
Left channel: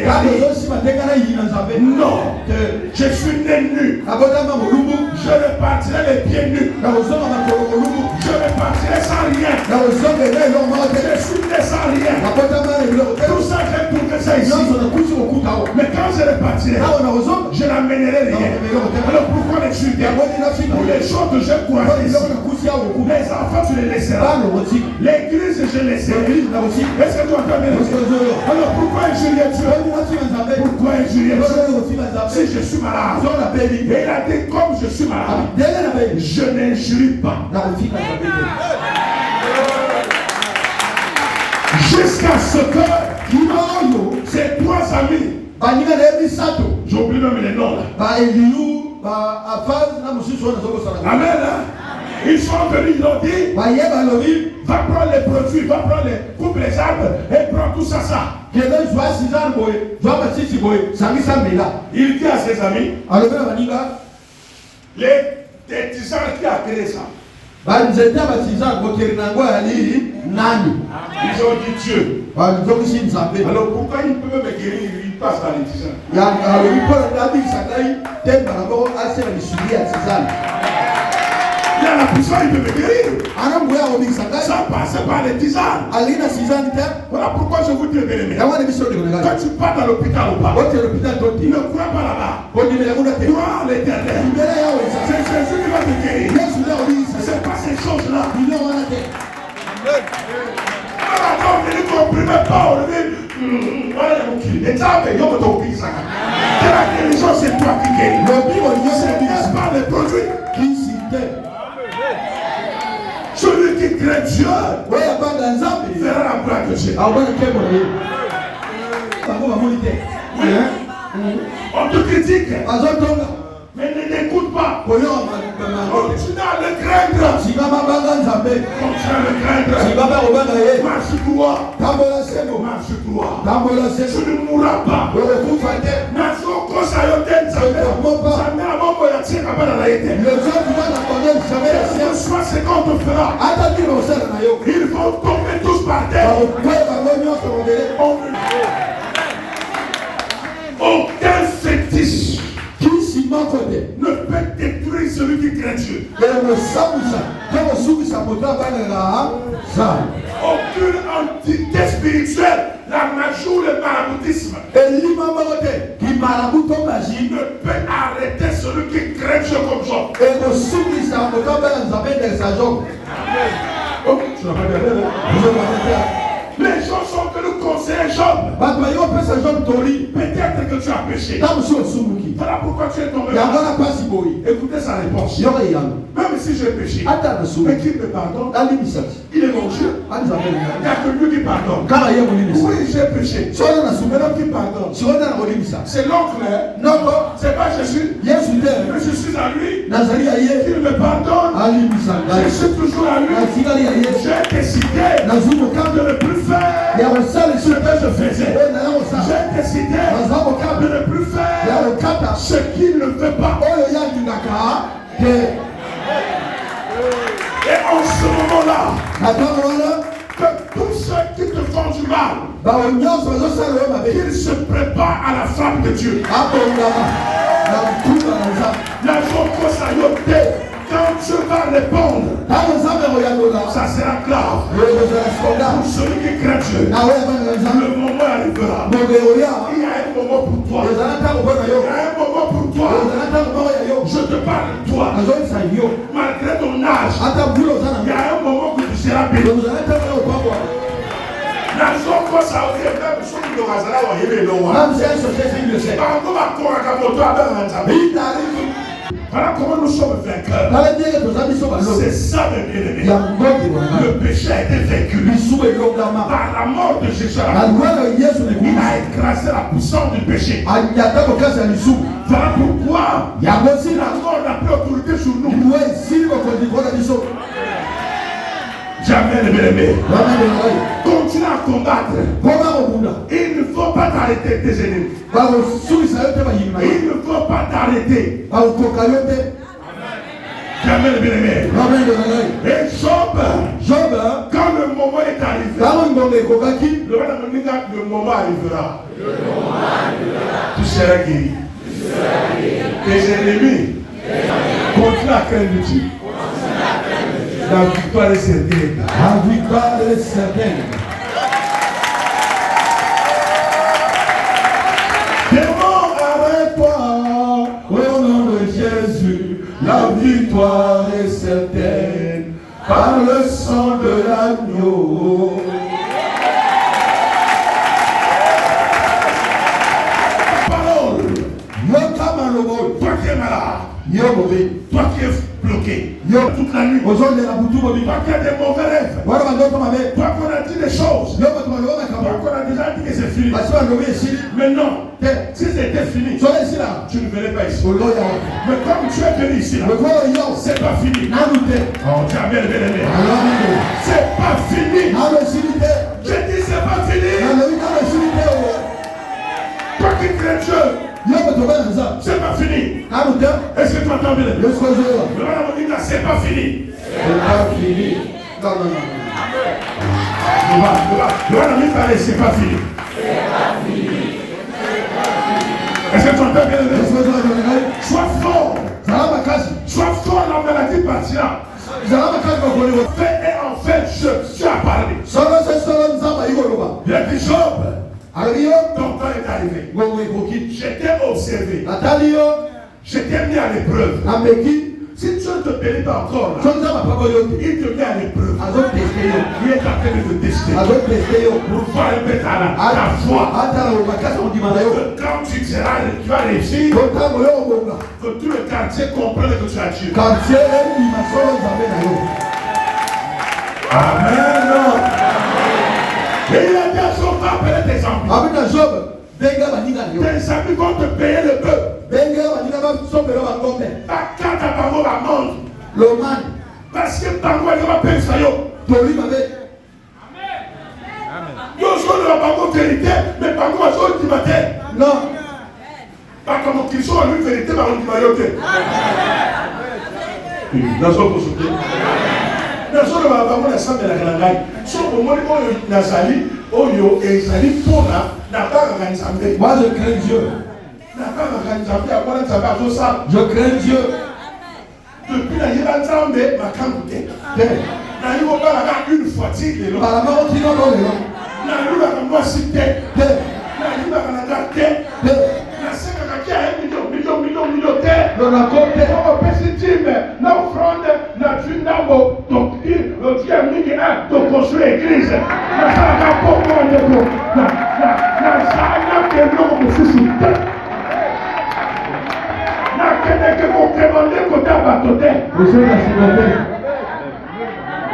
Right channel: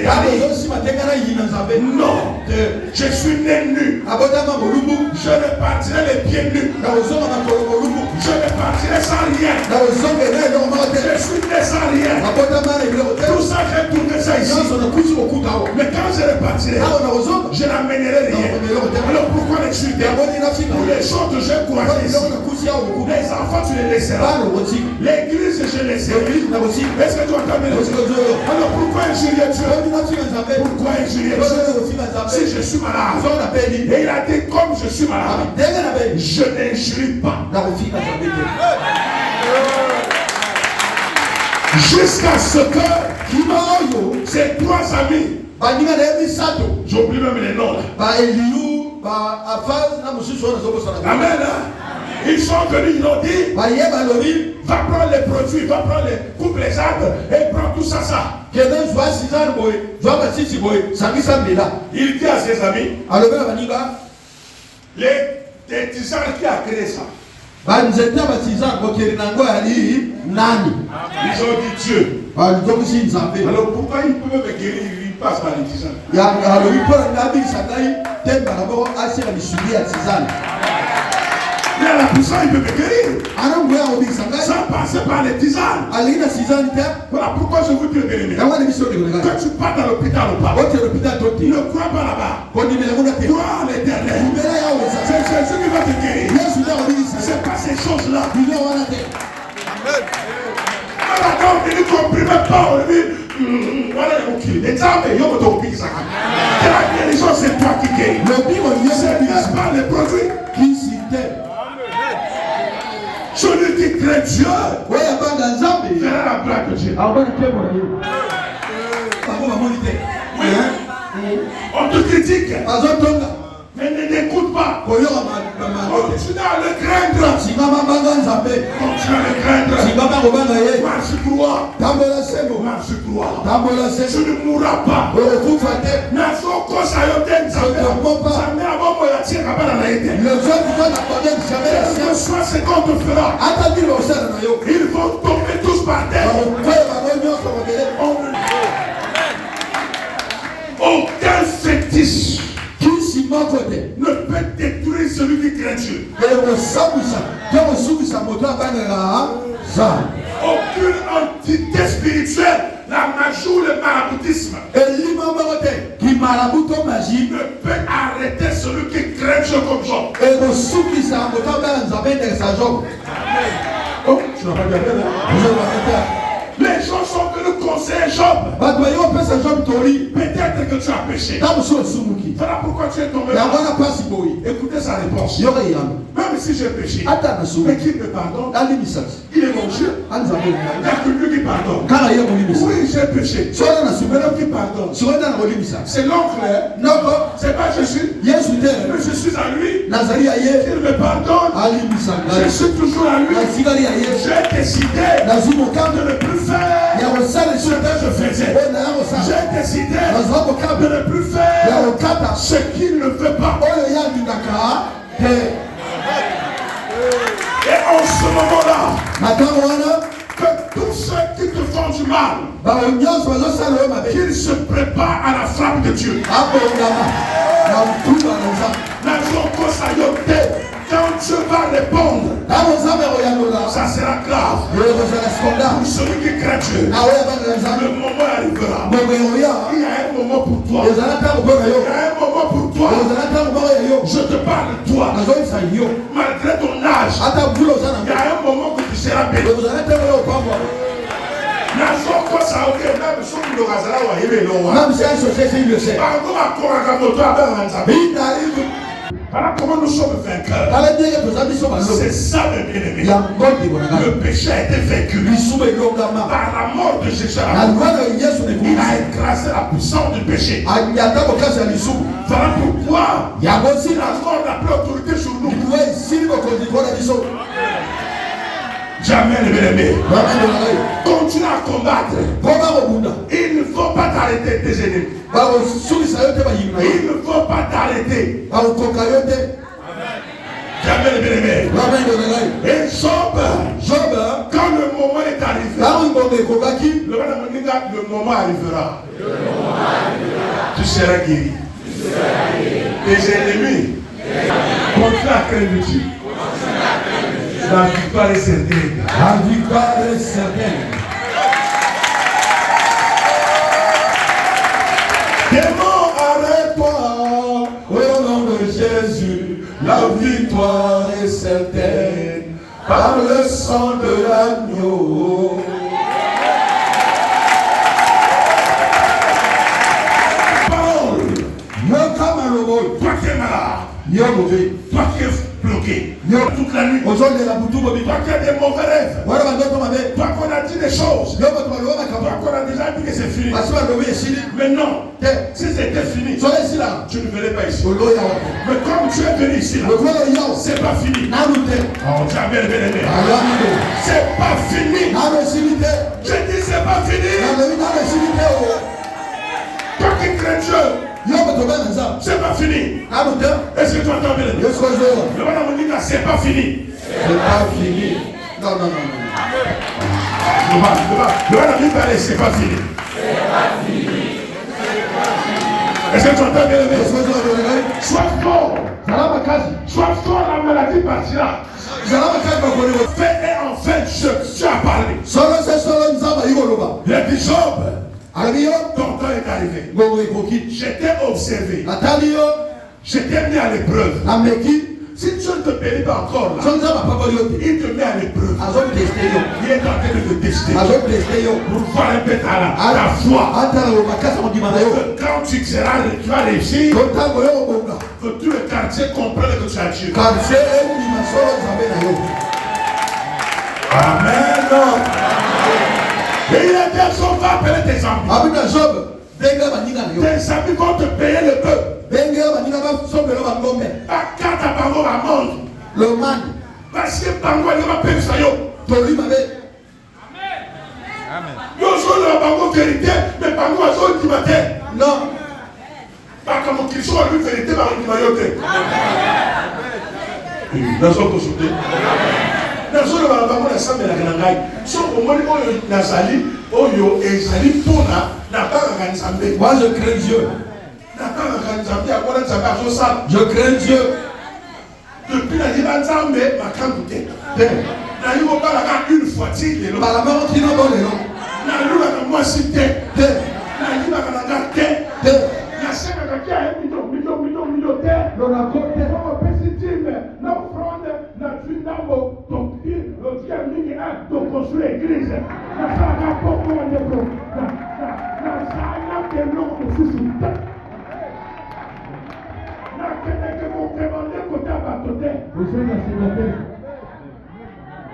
Non, je suis né nu. Je repartirai les pieds nus. Je repartirai sans rien. Je suis né sans rien. Tout ça, j'ai tourné ça ici. Mais quand je repartirai, je n'amènerai rien. Alors pourquoi les chuter? Pour les choses que j'ai coincées ici. Les enfants, tu les laisseras. L'église, je laisserai. Est-ce que tu entends bien? Alors pourquoi injurier Dieu? Pourquoi injurier Dieu? Si je suis malade, et il a dit comme je suis malade, je n'injurie pas. Jusqu'à ce que ces trois amis, j'oublie même les noms là. Amen. Ils sont venus, ils ont dit, va prendre les produits, va prendre les coupe les arbres et prends tout ça. Il dit à ses amis, les tisans qui a créé ça. Ils ont dit Dieu. Alors pourquoi ils peuvent me guérir? Ils passent par les tisans. Il a la puissance, il peut me guérir. Ça passe par les tisanes. Voilà pourquoi je vous dis, bien-aimé, quand tu pars dans l'hôpital ou pas, ne crois pas là-bas. Crois à l'Éternel. C'est Jésus qui va te guérir. C'est pas ces choses-là. Voilà, donc il ne comprime pas. Voilà, la guérison, c'est toi qui guéris. C'est pas les produits. Celui qui crée Dieu verra la plaque de Dieu. Oui. On te critique, mais ne l'écoute pas. Continue à le craindre. Continue à le craindre. Marche droit. Marche droit. Tu ne mourras pas. C'est qu'on te fera. Ils vont tomber tous par terre. Aucun fétiche ne peut détruire celui qui craint Dieu. Aucune entité spirituelle, la magie ou le maraboutisme, ne peut arrêter celui qui craint Dieu comme Job. Oh, tu n'as pas bien. Les gens sont venus conseiller Job. Peut-être que tu as péché. Voilà pourquoi tu es tombé là. Écoutez sa réponse. Même si j'ai péché, mais qui me pardonne? Il est mon Dieu. Il n'y a que lui qui pardonne. Oui, j'ai péché. C'est l'homme qui pardonne. C'est l'oncle. C'est pas Jésus. Mais je suis à lui. Il me pardonne. Je suis toujours à lui. J'ai décidé de ne plus faire ce que je faisais. J'ai décidé de ne plus faire ce qu'il ne veut pas. Et en ce moment-là, que tous ceux qui te font du mal, qu'ils se préparent à la frappe de Dieu. La joie quand Dieu va répondre, ça sera grave. Pour celui qui craint Dieu, le moment arrivera. Il y a un moment pour toi. Il y a un moment pour toi. Je te parle de toi. Malgré ton âge, il y a un moment où tu seras béni. Voilà comment nous sommes vainqueurs. C'est ça le bien-aimé. Le péché a été vaincu par la mort de Jésus. Il a écrasé la puissance du péché. Voilà pourquoi la mort n'a plus autorité sur nous. Jamais le bien-aimé. Continue à combattre. Il ne faut pas t'arrêter tes ennemis. Il ne faut pas t'arrêter. Jamais le bien-aimé. Et Job, quand le le moment arrivera. Tu seras guéri. Tes ennemis contre la crainte de Dieu. La victoire est certaine. La victoire est certaine. Démon, arrête-toi. Au nom de Jésus, la victoire est certaine. Par le sang de l'agneau. Parole. Toi qui es malade. Toi qui es bloqué. Toute la nuit. Toi qui as des mauvais rêves. Toi qu'on a dit des choses. Toi qu'on a déjà dit que c'est fini. Mais non. Si c'était fini, tu ne venais pas ici. Mais comme tu es venu ici, c'est pas fini. Oh, tu as bien aimé. C'est pas fini. Je dis c'est pas fini. Toi qui crains Dieu, c'est pas fini. Est-ce que tu entends bien? C'est pas fini. C'est pas fini. Non. C'est pas fini. Est-ce que tu entends bien? Sois fort. Sois fort, la maladie partira. Fais et en fait, tu as parlé. Il a dit Job, ton temps est arrivé. J'étais observé. J'étais mis à l'épreuve. Si Dieu ne te bénit pas encore, il te met à l'épreuve. Il est en train de te tester. Pour voir un peu ta foi. Quand tu vas réussir, que tout le quartier comprenne que tu as Dieu. Amen. Et il a dit Job va appeler tes enfants. Tes amis vont te payer le bœuf. Quand ta bango va monter. Parce que bango elle va payer ça yo. Yo joue la bango vérité, mais bango va jouer du matin. Non. Pas comme qu'ils sont à lui vérité, mais on dit mayoté. Dans son consulté. Dans son bango la salle de la grandaille. Son au moins oyo nazali, oyo ezali pona. Moi je crains Dieu. Je crains Dieu. Depuis la Libanzambe, ma camouté. Une fois,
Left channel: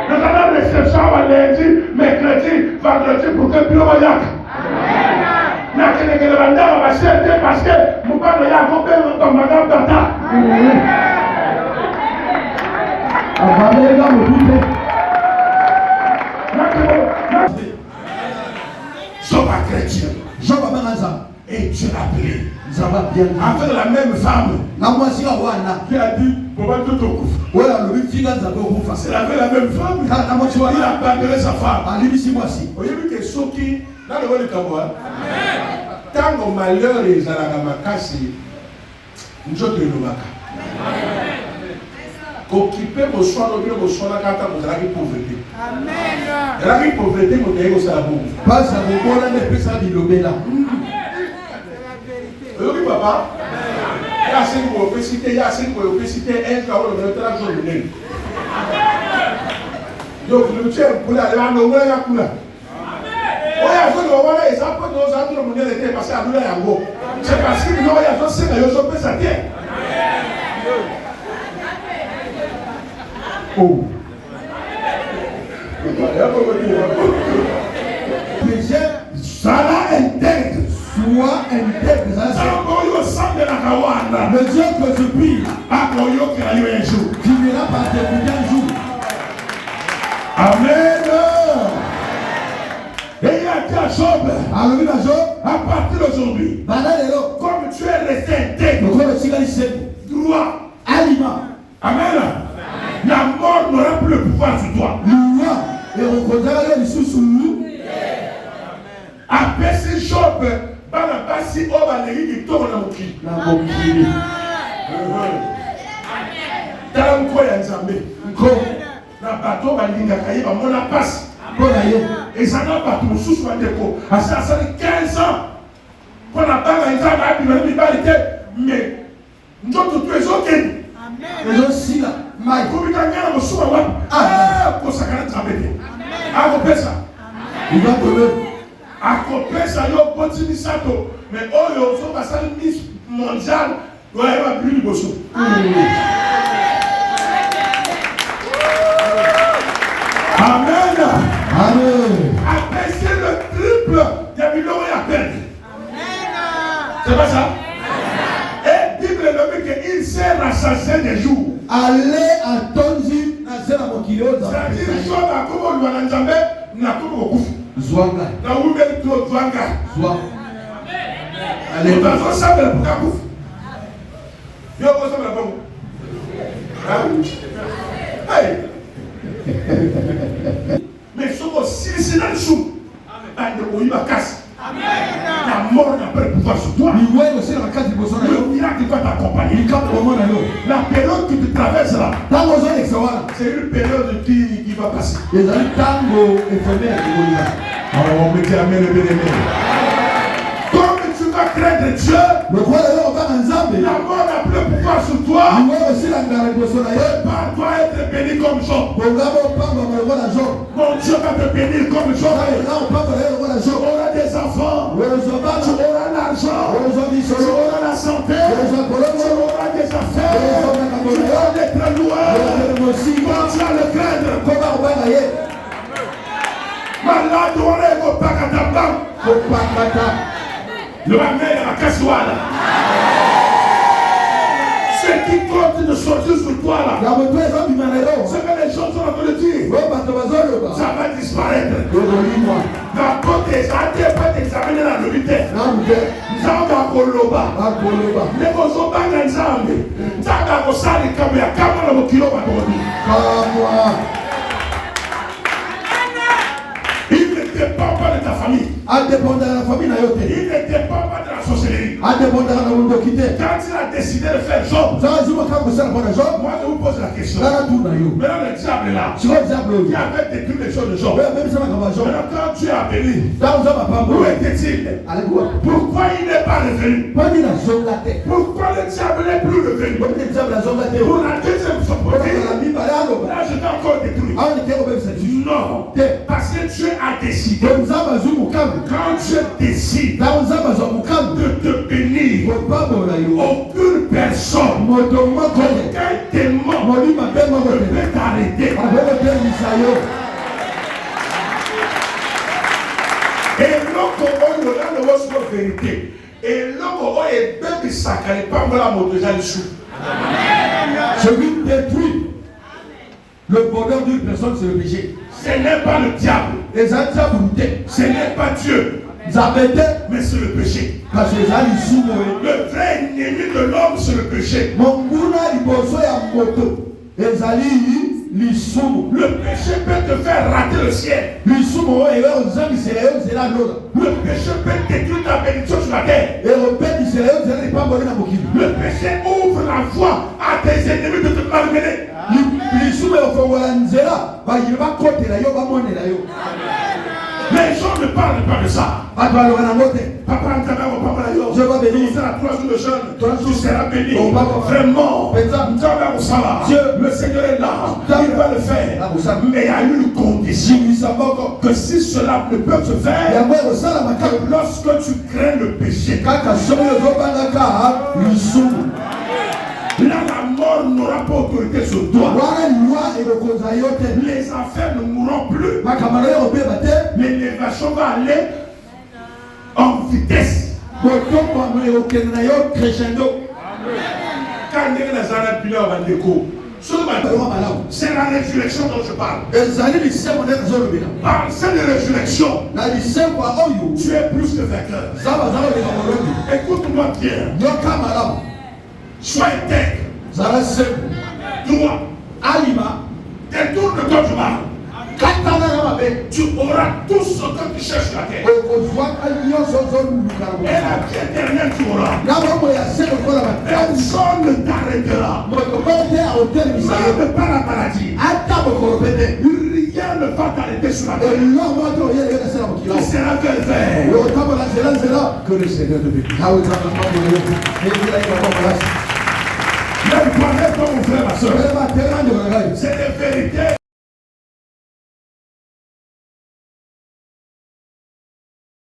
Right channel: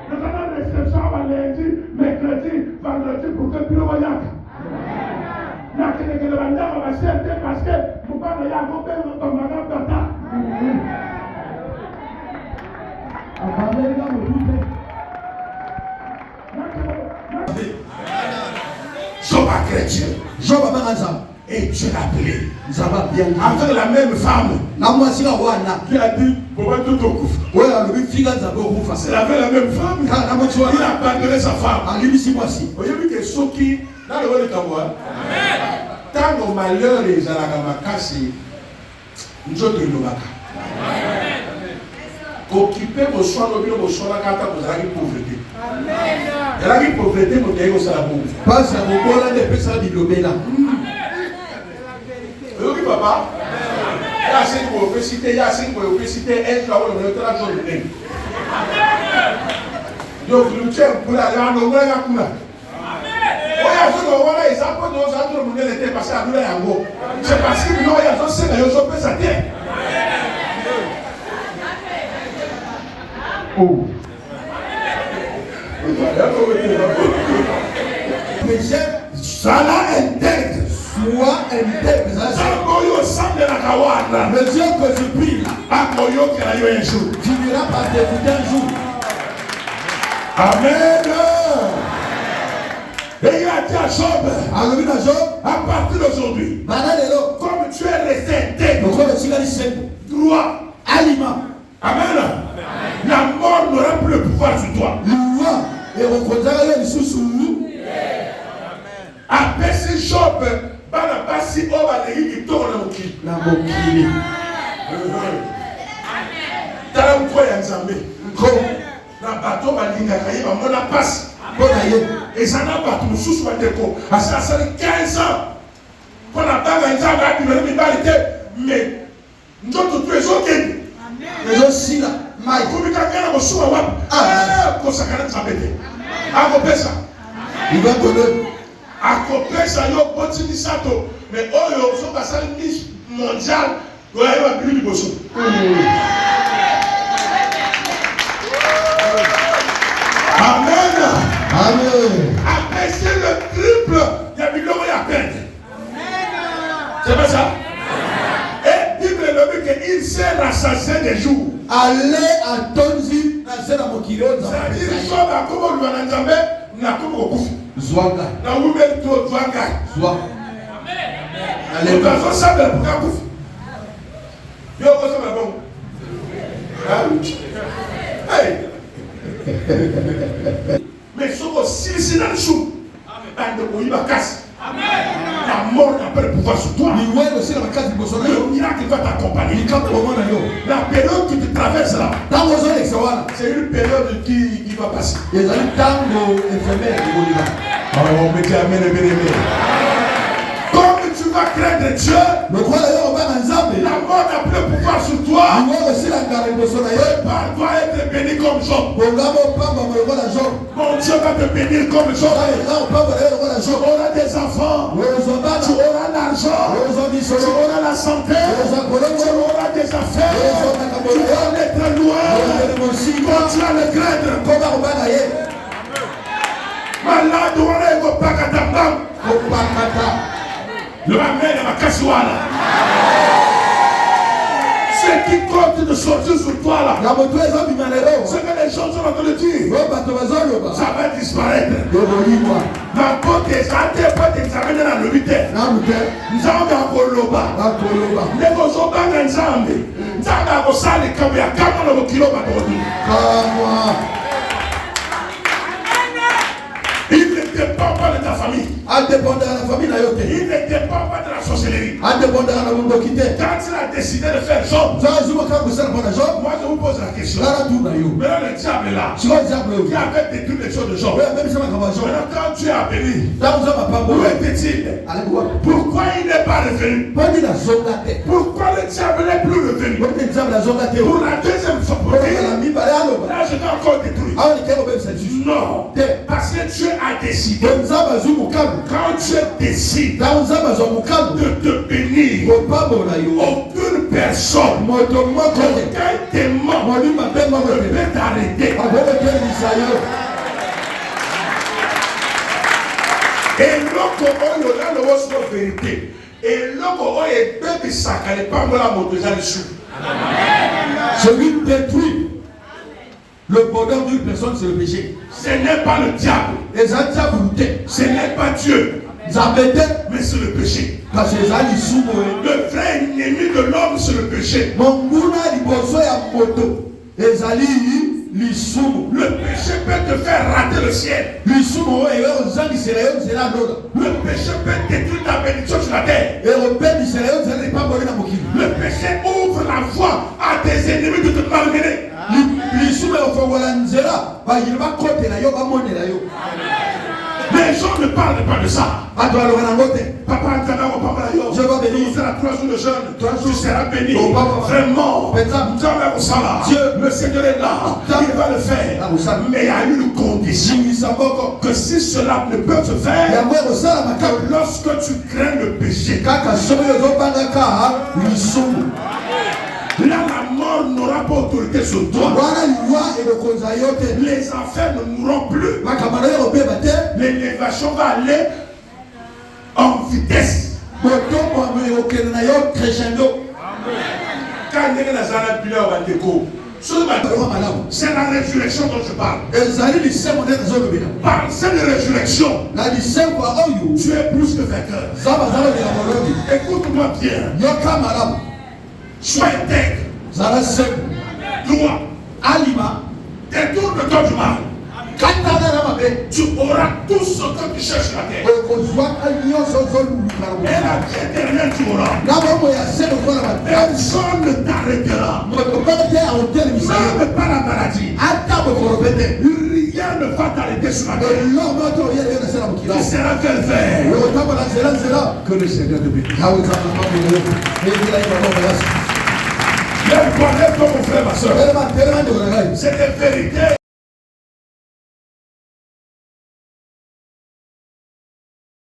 nous allons réception à lundi, mercredi, vendredi pour que bureau yak. N'a que les vendeurs va chercher parce que nous parlons de yak, comme madame Tata. Job a chrétien. Job a manasa. Et Dieu l'a appelé. Avec la même femme. Tu as dit, pour tout au coup. C'est la même femme. Il a abandonné sa femme. Vous voyez que ceux qui, dans le monde de Kamoa, quand nos malheurs et les alamakasi, nous autres nous baka. Occuper vos soins, vos soins, quand vous avez une pauvreté. Et la pauvreté, vous avez aussi la pauvreté. Pas ça, vous avez des personnes qui l'obéissent. Oui, papa. Il y a 5 obésités, il y a 5 obésités, un jour, on est là, je vais. Donc, nous sommes pour la langue, on va la couleur. Oui, à ce moment-là, ils ont pas de choses à tout le monde était passé à nous là, c'est parce que nous, il y a d'autres signes, ils ont fait sa terre. Oh. Sala intègre. Sois intègre. Sakoyo sang de la Kawana. Le Dieu que tu pries. Akoyo qui a eu un jour. Tu n'iras pas t'écouter un jour. Amen. Et il a dit à Job. À partir d'aujourd'hui. Comme tu es resté intègre. Droit. Aliment. Amen. La mort n'aura plus le pouvoir sur toi. Et Nzambe. Nko. Na bateau balingaka ye bamona passe. Mpona ye. ezana bato mosusu bandeko asali 15 ans mpo na banga nzambe abimela mibali te mais nzoto tu ezokende ezosila mai komika ngai na mosusu wapi kosakana nzambe te akopesa akopesa yo boti misato mais oyo so basali miss mondial oyeba bili liboso amen. Amen. Abaisser le triple de biloko ya peine. C'est pas ça? Et Bible le dit qu'il s'est rassasié des jours. Allez à Tonzi, Nazera Mokilo. C'est-à-dire, soit la komo lui en Nzambe, na komo kokufu. Zwanga. Na wumeli tuo zwanga. Zwa. Allez, on va ensemble pour kakufu. Yo, on va ensemble bon. Hey. Mais souvent, si c'est dans le chou, il va casser. La mort n'a pas le pouvoir sur toi. Le miracle va t'accompagner. La période qui te traverse là, c'est une période qui va passer. Comme tu vas craindre Dieu, la mort n'a plus le pouvoir sur toi. Par doit être béni comme Job. Mon Dieu va te bénir comme Job. Tu auras des enfants, tu auras l'argent, tu auras la santé, tu auras des affaires, tu auras des très loin. Quand tu vas le craindre, malade, on est au Pakatabam. Le mère à Kassuala. Ce qui compte de sortir sur toi là, ce que les gens sont en train de dire, ça va disparaître. La porte des arrêtés pas d'examiner la vérité. Nous avons un koloba. Les gens dans l'ensemble. Nous avons un salle comme il y a 40 kilomètres. Il ne dépend pas de ta famille. Il ne dépend pas de la sorcellerie. Quand il a décidé de faire Job, moi je vous pose la question. Maintenant le diable est là. Qui avait détruit les choses de Job. Maintenant quand Dieu a béni, où était-il? Pourquoi il n'est pas revenu? Pourquoi le diable n'est plus revenu? Pour la deuxième fois, là je dois encore détruire. Non, parce que Dieu a décidé. Quand Dieu décide de te bénir, aucune personne, aucun démon ne peut t'arrêter. Et l'autre, on aura le vérité. Et l'autre, on est bien sacré, pas moi la moto, j'ai le chou. Je lui détruis. Le bonheur d'une personne, c'est le péché. Ce n'est pas le diable. Ce n'est pas Dieu. Mais c'est le péché. Le vrai ennemi de l'homme, c'est le péché. Le péché peut te faire rater le ciel. Le péché peut détruire ta bénédiction sur la terre. Le péché ouvre la voie à tes ennemis de te malmener. Les gens ne parlent pas de ça. Papa, je vais bénir. C'est la place de jeûne. Tu seras béni. Vraiment. Dieu, le Seigneur est là. Il va le faire. Mais il y a une condition. Que si cela ne peut se faire, que lorsque tu crains le péché, là, la mort n'aura pas autorité sur toi. Les enfers ne mourront plus. L'élévation va aller en vitesse. Quand c'est la résurrection dont je parle. Par cette résurrection, tu es plus que vainqueur. Écoute-moi bien. Sois intègre. Droit. Détourne ton droit. tu auras tout ce que tu cherches sur la terre. Et la vie éternelle tu auras. Personne ne t'arrêtera. Même pas la maladie. Rien ne va t'arrêter sur la terre. Tu seras vers. Que le Seigneur te bénisse. Ne parlez pas mon frère, ma soeur. C'est des vérités